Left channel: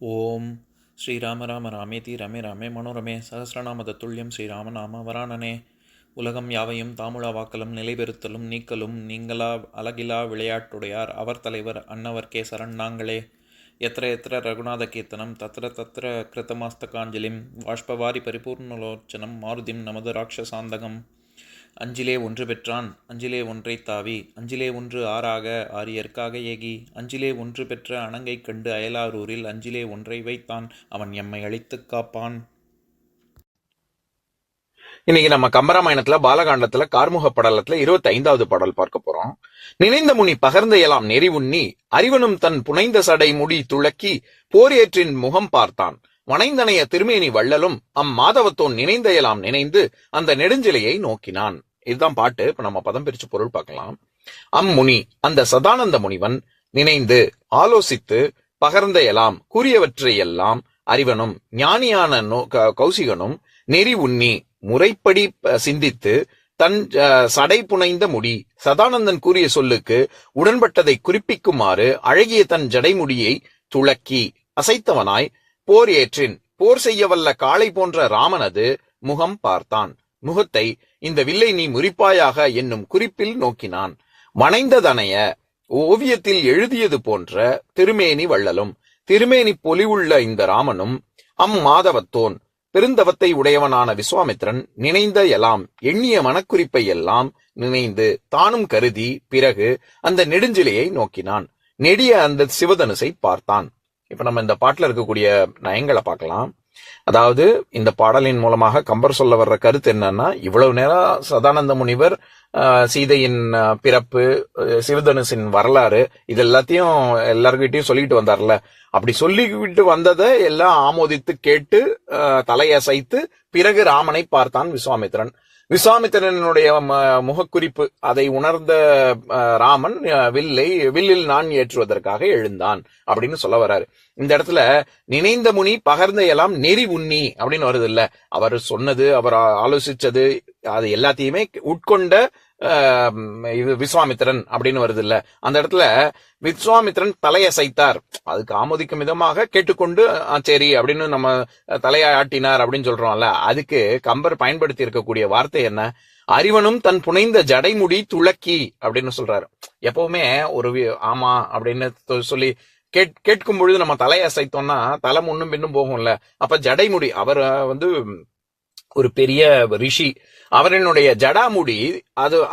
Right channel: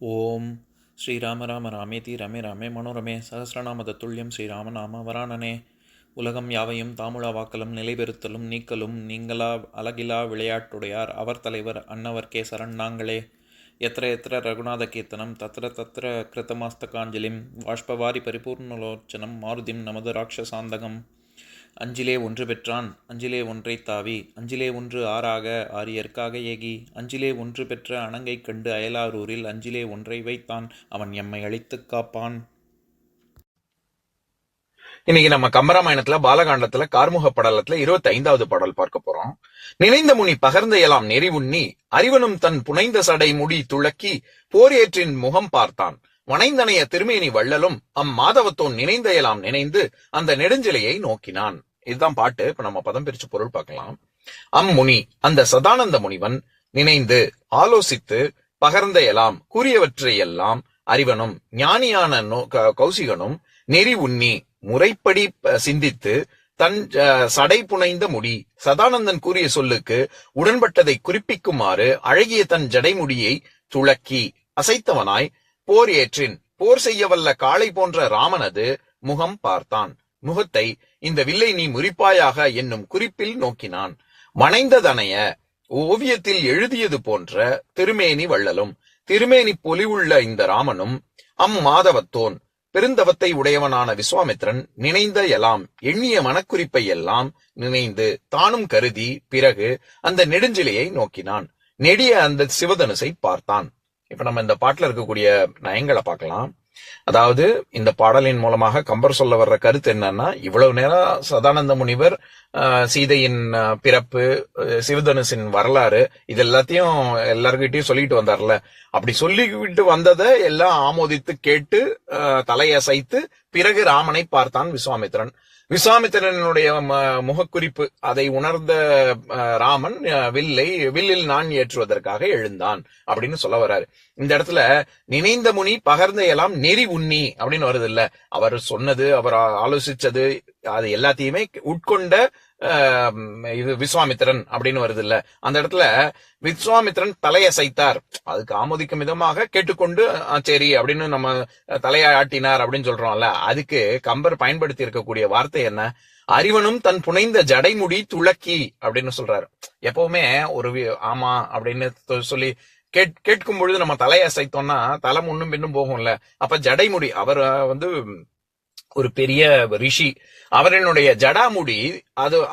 ஓம் ஸ்ரீராம ராம ராமேதி ரமே ராமே மனோரமே சகசிரநாம தத்துல்யம் ஸ்ரீராம நாம வராணனே. உலகம் யாவையும் தாமுழா வாக்கலும் நிலைபெறுத்தலும் நீக்கலும் நீங்களா அழகிலா விளையாட்டுடையார் அவர் தலைவர் அன்னவர் சரண் நாங்களே. எத்திர எத்திர ரகுநாத கீர்த்தனம் தத்திர தத்திர கிருத்தமாஸ்தகாஞ்சலிம் வாஷ்பவாரி பரிபூர்ணலோச்சனம் மாருதிம் நமது ராட்சசாந்தகம். அஞ்சிலே ஒன்று பெற்றான் அஞ்சிலே ஒன்றைத் தாவி அஞ்சிலே ஒன்று ஆறாக ஆரியர்க்காக ஏகி அஞ்சிலே ஒன்று பெற்ற அணங்கைக் கண்டு அயலாரூரில் அஞ்சிலே ஒன்றை வைத்தான் அவன் எம்மை அழித்துக் காப்பான். இன்னைக்கு நம்ம கம்பராமாயணத்துல பாலகாண்டத்துல கார்முக படலத்துல 25வது பாடல் பார்க்க போறோம். நினைந்த முனி பகர்ந்த எலாம் நெறி உண்ணி அறிவனும் தன் புனைந்த சடை முடி துளக்கி போர் ஏற்றின் முகம் பார்த்தான் வனைந்தனைய திருமேனி வள்ளலும் மாதவத்தோன் நினைந்த எல்லாம் நினைந்து அந்த நெடுஞ்சிலையை நோக்கினான். இதுதான் பாட்டு. இப்ப நம்ம பதம் பிரிச்சு பொருள் பார்க்கலாம். முனி அந்த சதானந்த முனிவன் நினைந்து ஆலோசித்து பகர்ந்த எல்லாம் கூறியவற்றை எல்லாம் அறிவனும் ஞானியான கௌசிகனும் நெறி உண்ணி முறைப்படி சிந்தித்து தன் சடை புனைந்த முடி சதானந்தன் கூறிய சொல்லுக்கு உடன்பட்டதை குறிப்பிக்குமாறு அழகிய தன் ஜடைமுடியை துளக்கி அசைத்தவனாய் போர் ஏற்றின் போர் செய்ய வல்ல காளை போன்ற ராமனது முகம் பார்த்தான். முகத்தை இந்த வில்லை நீ முறிப்பாயாக என்னும் குறிப்பில் நோக்கினான். வனைந்ததனைய ஓவியத்தில் எழுதியது போன்ற திருமேனி வள்ளலும் திருமேனி பொலிவுள்ள இந்த ராமனும் மாதவத்தோன் பெருந்தவத்தை உடையவனான விஸ்வாமித்திரன் நினைந்த எல்லாம் எண்ணிய மனக்குறிப்பை எல்லாம் நினைந்து தானும் கருதி பிறகு அந்த நெடுஞ்சிலையை நோக்கினான். நெடிய அந்த சிவதனுசை பார்த்தான். இப்ப நம்ம இந்த பாட்டுல இருக்கக்கூடிய நயங்களை பார்க்கலாம். அதாவது இந்த பாடலின் மூலமாக கம்பர் சொல்ல வர்ற கருத்து என்னன்னா, இவ்வளவு நேரம் சதானந்த முனிவர் சீதையின் பிறப்பு, சிவதனுசின் வரலாறு, இது எல்லாத்தையும் எல்லார்கிட்டையும் சொல்லிட்டு வந்தார்ல. அப்படி சொல்லிவிட்டு வந்ததை எல்லாம் ஆமோதித்து கேட்டு தலையசைத்து பிறகு ராமனை பார்த்தான் விஸ்வாமித்திரன். விஸ்வாமித்திரனுடைய முகக்குறிப்பு அதை உணர்ந்த ராமன் வில்லில் நான் ஏற்றுவதற்காக எழுந்தான் அப்படின்னு சொல்ல வர்றாரு. இந்த இடத்துல நினைந்த முனி பகர்ந்த எல்லாம் நெறி உண்ணி அப்படின்னு வருது இல்ல. அவர் சொன்னது, அவர் ஆலோசிச்சது, அது எல்லாத்தையுமே உட்கொண்ட இது விஸ்வாமித்திரன் அப்படின்னு வருது இல்ல. அந்த இடத்துல விஸ்வாமித்திரன் தலையசைத்தார், அதுக்கு ஆமோதிக்கும் விதமாக கேட்டுக்கொண்டு சரி அப்படின்னு நம்ம தலையாட்டினார் அப்படின்னு சொல்றோம்ல. அதுக்கு கம்பர் பயன்படுத்தி இருக்கக்கூடிய வார்த்தை என்ன? அறிவனும் தன் புனைந்த ஜடைமுடி துளக்கி அப்படின்னு சொல்றாரு. எப்பவுமே ஒரு ஆமா அப்படின்னு சொல்லி கேட்கும் பொழுது நம்ம தலையசைத்தோம்னா தலை முன்னும் பின்னும் போகும்ல. அப்ப ஜடைமுடி, அவர் ஒரு பெரிய ரிஷி, அவரனுடைய ஜடாமுடி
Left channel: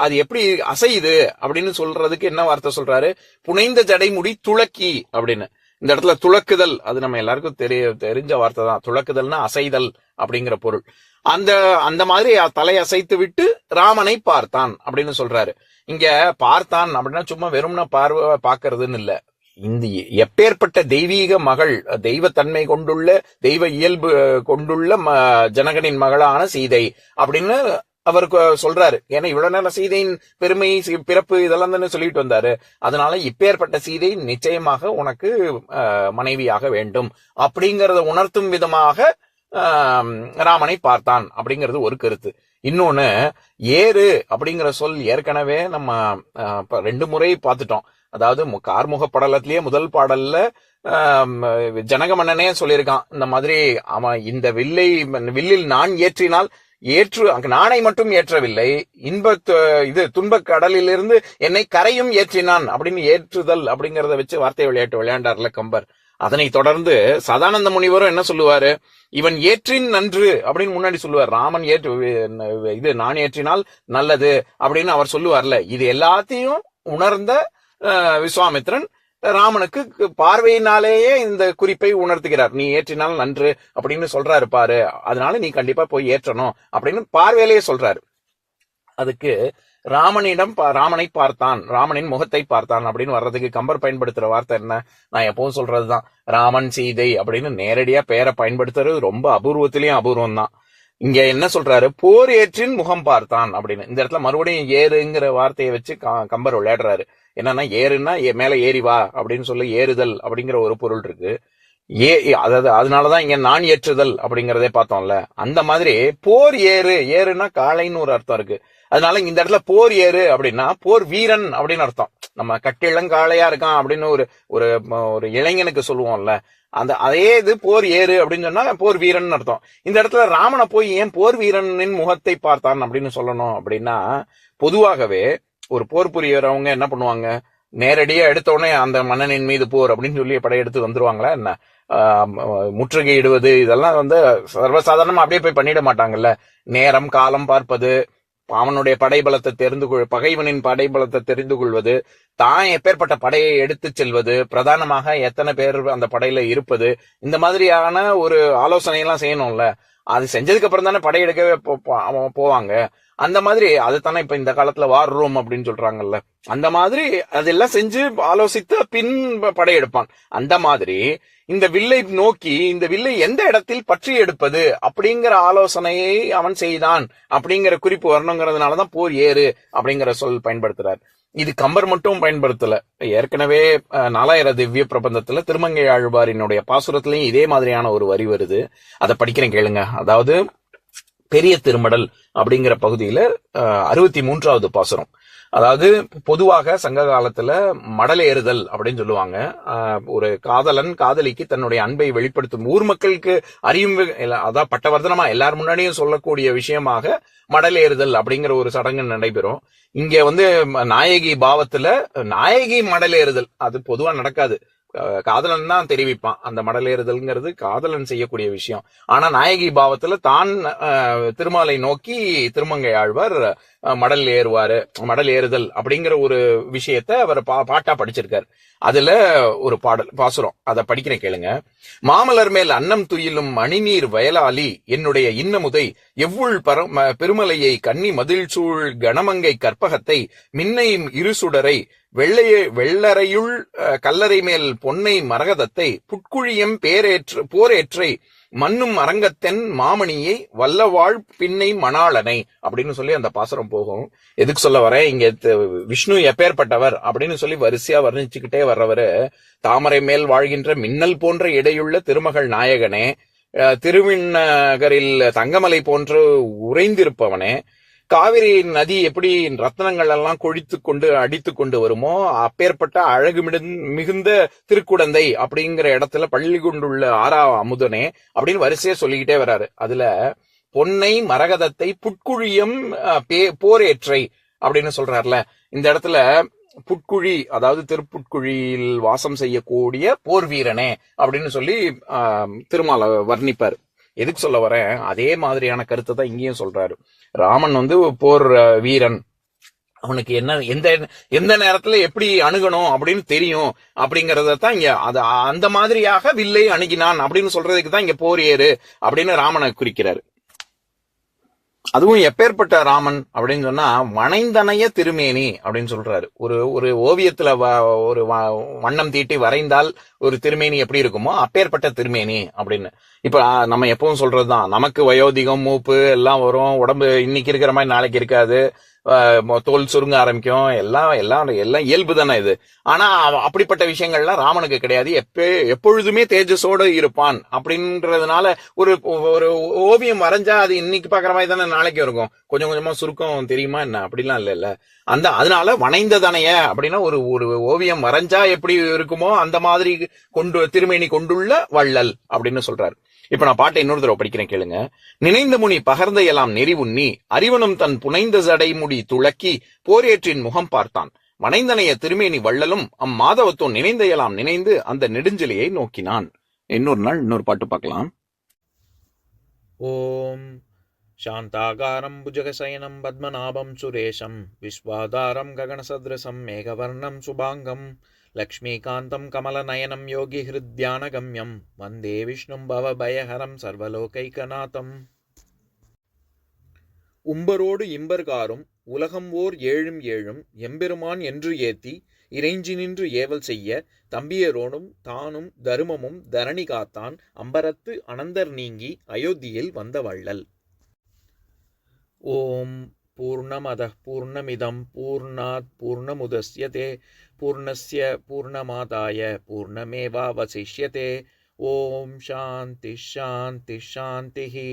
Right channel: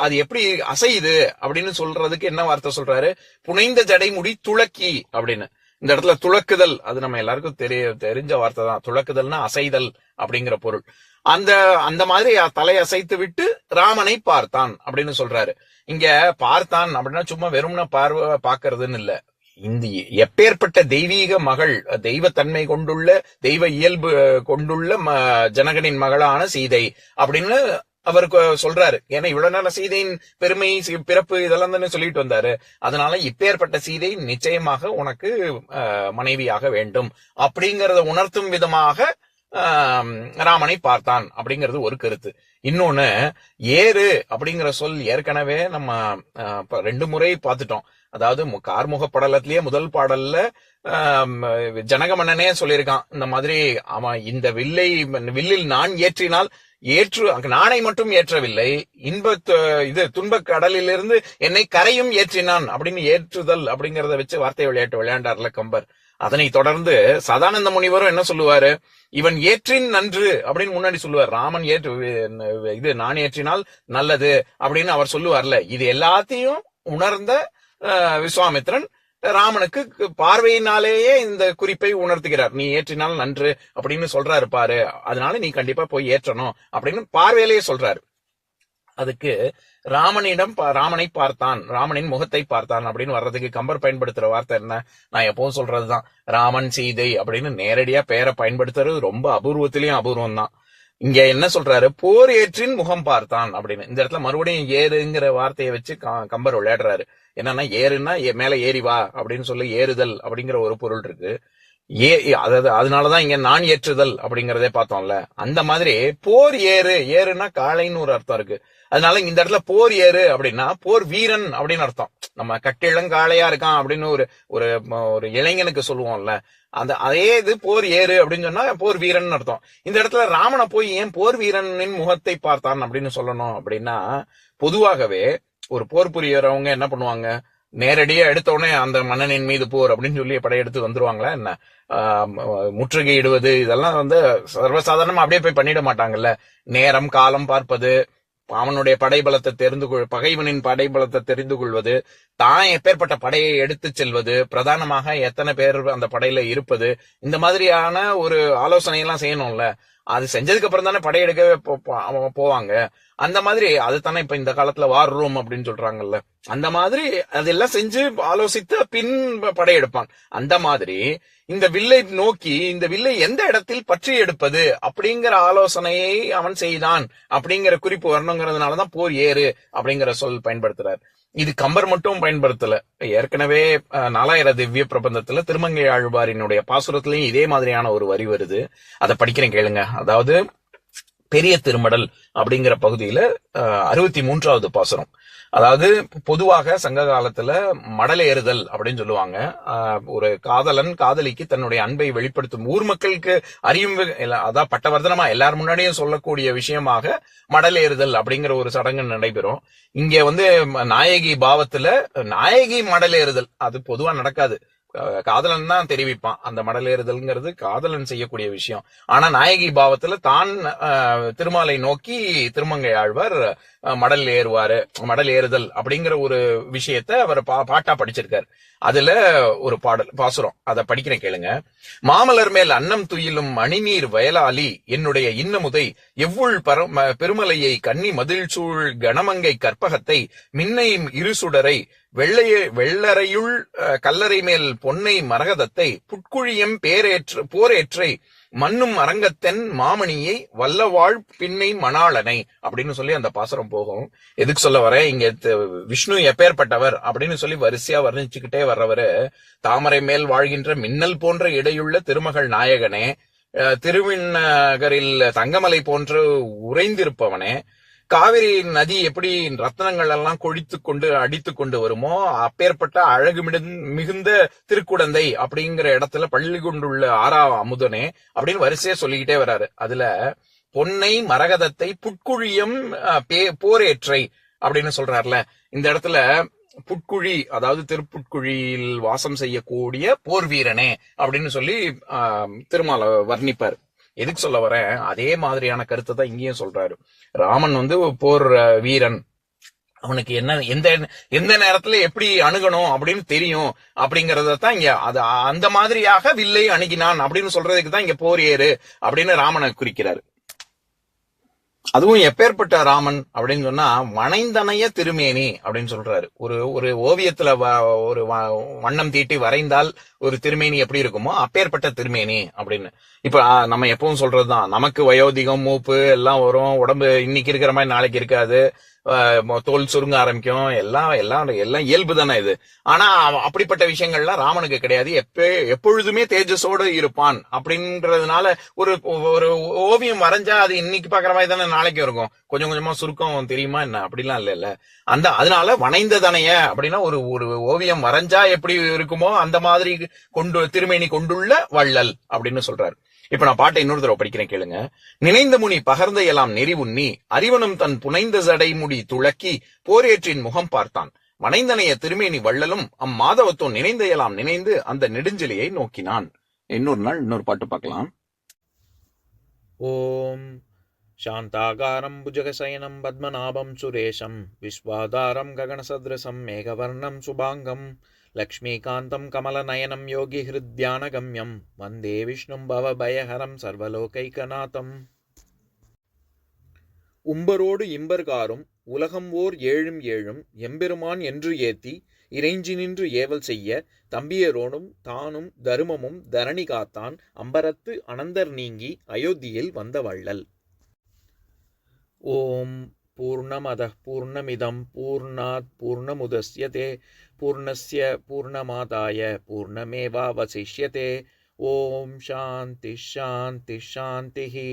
அது எப்படி அசையுது அப்படின்னு சொல்றதுக்கு என்ன வார்த்தை சொல்றாரு? புனைந்த ஜடைமுடி துளக்கி அப்படின்னு. இந்த இடத்துல துளக்குதல், அது நம்ம எல்லாருக்கும் தெரிஞ்ச வார்த்தை தான். துளக்குதல்னா அசைதல் அப்படிங்கிற பொருள். அந்த மாதிரி தலையசைத்து விட்டு ராமனை பார்த்தான் அப்படின்னு சொல்றாரு. இங்க பார்த்தான் அப்படின்னா சும்மா வெறும்னா பார்க்கறதுன்னு இல்ல. இந்த எப்பேற்பட்ட தெய்வீக மகள், தெய்வத்தன்மை கொண்டுள்ள, தெய்வ இயல்பு கொண்டுள்ள ஜனகனின் மகளான சீதை அப்படின்னு அவருக்கு சொல்றாரு. ஏன்னா இவ்வளவு நாள் சீதையின் பெருமை, பிறப்பு இதெல்லாம் தானே சொல்லிட்டு வந்தாரு. அதனால இப்பேற்பட்ட சீதை நிச்சயமாக உனக்கு மனைவியாக வேண்டும் அப்படிங்கறத உணர்த்தும் விதமாக ராமனை பார்த்தான் அப்படிங்கிறது ஒரு கருத்து. இன்னொன்னு, ஏறு அப்படிங்கிற சொல் ஏற்கனவே நம்ம 2 முறை பார்த்துட்டோம். அதாவது கார்முக படலத்திலேயே முதல் பாடல்ல ஜனகமன்னனே சொல்லியிருக்கான், இந்த மாதிரி அவன் இந்த வில்லில் நான் ஏற்றினால் நானை மட்டும் ஏற்றவில்லை, துன்பக் கடலிலிருந்து என்னை கரையும் ஏற்றினான் அப்படின்னு ஏற்றுதல் அப்படிங்கறத வச்சு வார்த்தை விளையாண்டார்ல கம்பர். அதனை தொடர்ந்து சதானந்த முனிவரும் என்ன சொல்லுவாரு? இவன் ஏற்றின் நன்று அப்படின்னு முன்னாடி சொல்லுவார். ராமன் நான் ஏற்றினால் நல்லது அப்படின்னு அவர் சொல்லுவார்ல. இது எல்லாத்தையும் உணர்ந்த விஸ்வாமித்திரன் ராமனுக்கு பார்வையினாலேயே இந்த குறிப்பை உணர்த்துகிறார். நீ ஏற்றினால் நன்று அப்படின்னு சொல்றாரு பாரு, அதனால நீ கண்டிப்பா போய் ஏற்றணும் அப்படின்னு பார்வையிலேயே சொல்றாரு. அதுக்கு ராமனை பார்த்தான், ராமனின் முகத்தை பார்த்தான் அப்படின்னு வர்றதுக்கு கம்பர் பயன்படுத்துற வார்த்தை என்ன? நான் எப்பவும் சொல்றதுதான், ராமன் சீதை அப்படின்னு நேரடியா பெயரை பயன்படுத்துறது ரொம்ப அபூர்வத்திலயும் அபூர்வம் தான். இங்க என்ன சொல்றாரு? போர் ஏற்றின் முகம் பார்த்தான் அப்படின்னு. இந்த இடத்துல மறுபடியும் ஏறுங்கிற வார்த்தையை வச்சு கம்பர் விளையாடுறாரு. என்னன்னா, ஏறுன்னா மேல ஏறி வா அப்படின்னு சொல்லி ஏறுதல் அப்படிங்கிற ஒரு பொருள் இருக்கு. அதாவது அதனாலதான் இங்க நான் ஏற்றுதல் அப்படிங்கறதே பார்த்தோம்ல. அந்த மாதிரி போர் ஏறுனா காளைன்னு ஒரு அர்த்தம் இருக்கு. அதனால இந்த இடத்துல போர் ஏறு அப்படின்னா போர் வீரன் அப்படின்னு அர்த்தம். நம்ம கட்டிளங்காளையா இருக்கான் அப்படின்னு ஒரு ஒரு ஒரு இளைஞனுக்கு சொல்லுவோம்ல, அதே இது போர் ஏறு அப்படின்னு சொன்னா போர் வீரன் அர்த்தம். இந்த இடத்துல ராமனை போய் ஏன் போர் வீரனின் முகத்தை பார்த்தான் அப்படின்னு சொல்லணும் அப்படின்னா, பொதுவாகவே ஒரு போர் புரியறவங்க என்ன பண்ணுவாங்க, நேரடியா எடுத்த உடனே அந்த மன்னனின் மீது போர் அப்படின்னு சொல்லி படையெடுத்து வந்துருவாங்களா என்ன? முற்றுகையிடுவது இதெல்லாம் சர்வசாதாரணமா அப்படியே போய் பண்ணிட மாட்டாங்கல்ல. நேரம் காலம் பார்ப்பது, அவனுடைய படைபலத்தை பகைவனின் படைபலத்தை தெரிந்து கொள்வது, தான் எப்பேற்பட்ட படையை எடுத்து செல்வது, பிரதானமாக எத்தனை பேர் அந்த படையில இருப்பது, இந்த மாதிரியான ஒரு ஆலோசனை எல்லாம் செய்யணும்ல. அது செஞ்சதுக்கு அப்புறம் தானே படையெடுக்கவே போவாங்க. அந்த மாதிரி அது தானே இப்ப இந்த காலத்துல வார் ரூம் அப்படின்னு சொல்றாங்கல்ல, அந்த மாதிரி அதெல்லாம் செஞ்சு ஆலோசித்த பின் படையெடுப்பான். அந்த மாதிரி இந்த வில்லை நோக்கி இந்த வில்லை எந்த இடத்தில் பற்றி எடுப்பது அப்படிங்கிற ஆலோசனையை அவன் செய்தான் அப்படிங்கிற குறிப்பு வரணுங்கிறதுனாலதான் போர் ஏறு அப்படிங்கிற சொல் பயன்படுத்துறார். இது கம்பர் மட்டும் பயன்படுத்தல, ஏற்கனவே 4000 திவ்ய பிரபந்தத்துல திருமங்கை ஆழ்வாரினுடைய பாசுரத்திலையும் இதே மாதிரியான ஒரு வரி வருது. அதை படிக்கிறேன் கேளுங்க. அதாவது பெரிய திருமடல் அப்படிங்கிற பகுதியில 63வது பாசுரம். அதாவது பொதுவாக சங்க காலத்துல மடலேறுதல் அப்படின்னு சொல்லுவாங்க. ஒரு காதலன் காதலிக்கு தன்னுடைய அன்பை வெளிப்படுத்தும் ஊர் மக்களுக்கு அறியும், அதான் பட்டவர்த்தனமா எல்லார் முன்னாடியும் சொல்லக்கூடிய விஷயமாக மடலேறுதல் அப்படிங்கிற ஒரு சடங்கு நடைபெறும். இங்க நாயகி பாவத்துல நாயகி மடலேறுதல் அது பொதுவா நடக்காது. காதலன் தான் தெரிவிப்பான். அந்த மடலேறுதல்ங்கிறது காதலன் செய்யக்கூடிய விஷயம். ஆனா நாயகி பாவத்துல தான் திருமாலை நோக்கி திருமங்கை ஆழ்வார் மடல் ஏறுதல் அப்படிங்கிற ஒரு விஷயத்த அவர் பாட்டா படிச்சிருக்காரு. அதுல ஒரு பாசுரம், அதை படிக்கிறேன் கேளுங்க. மாமலர் மேல் அன்னம் துயிலும் மணிநீர் வயலாளி என்னுடைய இன்னமுதை எவ்வுள் பெருமலையை கன்னி மதில் சூழ் கணமங்கை கற்பகத்தை மின்னையும் இருசுடரை வெள்ளரையுள் கல்லறை மேல் பொன்னை மரகதத்தை புட்குழியம் போரேற்றை மண்ணும் அரங்கத்தென் மாமணியை வல்லவாழ் பின்னை மணாளனை அப்படின்னு சொல்லி அந்த பாசுரம் போகும். எதுக்கு சொல்ல வரேன், இங்க விஷ்ணு எப்பேற்பட்டவர் அப்படின்னு சொல்லி வரிசையா வர்ணிச்சுக்கிட்டே வர்றவரு, தாமரை மேல் வாழ்கின்ற மின்னல் போன்ற இடையுள்ள திருமகள் நாயகனே, திருவிண்ணகரில் தங்கமலை போன்று உறைந்திருப்பவனே, காவிரி நதி எப்படி ரத்னங்கள் எல்லாம் கொழித்து கொண்டு அடித்து கொண்டு வருமோ அப்பேற்பட்ட அழகு மிகுந்த திருக்குடந்தை அப்படிங்கிற இடத்துல பள்ளி கொண்டுள்ள ஆறா அமுதனே அப்படின்னு வரிசையா சொல்லிக்கிட்டே வர்றாரு. அதுல பொன்னை மரகதத்தை புட்குழியம் போரேற்றை அப்படின்னு சொல்றாருல, இந்த இடத்துல புட்குழி அதாவது திருப்புட்குழியில் வாசம் செய்யக்கூடிய போர் வீரனே அப்படின்னு சொல்லி திருமால வர்ணிப்பார். எதுக்கு சொல்ல வரேன், அதே மாதிரியான கருத்தை தான் இங்கேயும் சொல்றாரு. ராமன் போர் வீரன், அவனுக்கு எந்த நேரத்துல எப்படி அணுகணும் அப்படின்னு தெரியும் அப்படிங்கறதான் இங்க அந்த மாதிரியாக வில்லை அணுகினான் அப்படின்னு சொல்றதுக்கு தான் இங்க போர் ஏறு அப்படின்னு ராமனை குறிக்கிறாரு. அதுவும் எப்பேற்பட்ட ராமன் அப்படின்னு சொன்னா வனைந்தனைய திருமேனி அப்படின்னு சொல்றாரு. ஒரு ஓவியத்துல ஒரு வண்ணம் தீட்டி வரைந்தால் ஒரு திருமேனி எப்படி இருக்குமோ அப்பேற்பட்ட திருமேனி அப்படின்னு. இப்ப நம்ம எப்பவும் சொல்றதுதான், நமக்கு வயோதிகம் மூப்பு எல்லாம் வரும், உடம்பு இன்னைக்கு இருக்கிற மாதிரி நாளைக்கு இருக்காது, தோல் சுருங்க ஆரம்பிக்கும், எல்லாம் இயல்பு தானே இது. ஆனா அப்படிப்பட்ட விஷயங்கள்லாம் ராமனுக்கு கிடையாது. எப்பொழுதுமே தேஜஸோடு இருப்பான் அப்படின்றதுனால ஒரு ஓவியம் வரைஞ்சா அது இன்னைக்கு பாக்குற மாதிரி தானே நாளைக்கு இருக்கும், கொஞ்சம் கொஞ்சமா சுருக்கம் தெரியுமா என்ன, அப்படிலாம் இல்ல. அதனால வனைந்ததனைய அப்படின்னா ஒரு ஓவியம் வரைஞ்சா எப்படி இருக்குமோ அந்த மாதிரி திருமேனி கொண்டுள்ள வள்ளல் அப்படின்னு சொல்றாரு. இப்ப நான் பாட்டை இன்னொரு தடவை படிக்கிறேன் கேளுங்க. நினைந்த முனி பகர்ந்த எல்லாம் நெறி உண்ணி அறிவனும் தன் புனைந்த சடை முடி துளக்கி போரேற்றின் முகம் பார்த்தான். வனைந்தனைய திருமேனி வள்ளலும் அம்மாதவத்தும் நினைந்த எல்லாம் நினைந்து அந்த நெடுஞ்செலியை நோக்கினான். இன்னொரு நாள் இன்னொரு பாட்டு பார்க்கலாம். ஓம் சாந்தாகாரம் புஜகசயனம் பத்மநாபம் சுரேஷம் விஸ்வாதாரம் ககனசத்ரசம் மேகவர்ணம் சுபாங்கம் லக்ஷ்மீகாந்தம் கமலநயனம் யோகி ஹிருத்யானகம்யம் வந்தே விஷ்ணும் பவபயஹரம் சர்வலோகைகநாதம். உம்பரோடு இம்பர்காரும் உலகம் ஓர் ஏழும் ஏழும் எம்பெருமான் என்று ஏத்தி இறைஞ்சி நின்று ஏவல் செய்ய தம்பியரோனும் தானும் தருமமும் தரணி காத்தான் அம்பரத்து அனந்தர் நீங்கி அயோத்தியில் வந்த வள்ளல். ஓம் பூர்ணமதః பூர்ணமிதம் பூர்ணாத் பூர்ணமுதஸ்யதே பூர்ணஸ்ய பூர்ணமாதாய பூர்ணமேவாவசிஷ்யதே. ஓம் சாந்தி ஷாந்தி ஷாந்திஹி.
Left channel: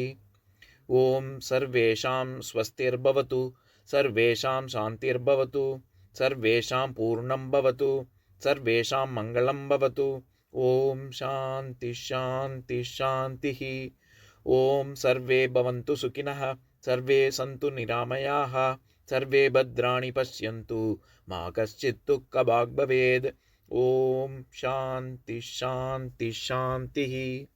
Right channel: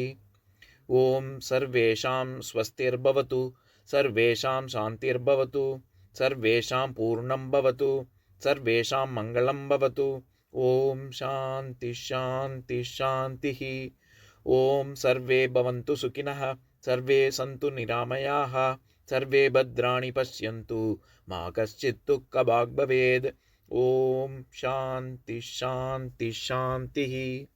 ஓம் சர்வேஷாம் ஸ்வஸ்திர்பவது सर्वेषां शान्तिर्भवतु, सर्वेषां पूर्णं भवतु, सर्वेषां मङ्गलं भवतु। ॐ शान्ति शान्ति शान्तिः। ॐ सर्वे भवन्तु सुखिनः, सर्वे सन्तु निरामयाः, सर्वे भद्राणि पश्यन्तु, मा कश्चित् दुःखभाग् भवेत्। ॐ शान्ति शान्ति शान्तिः।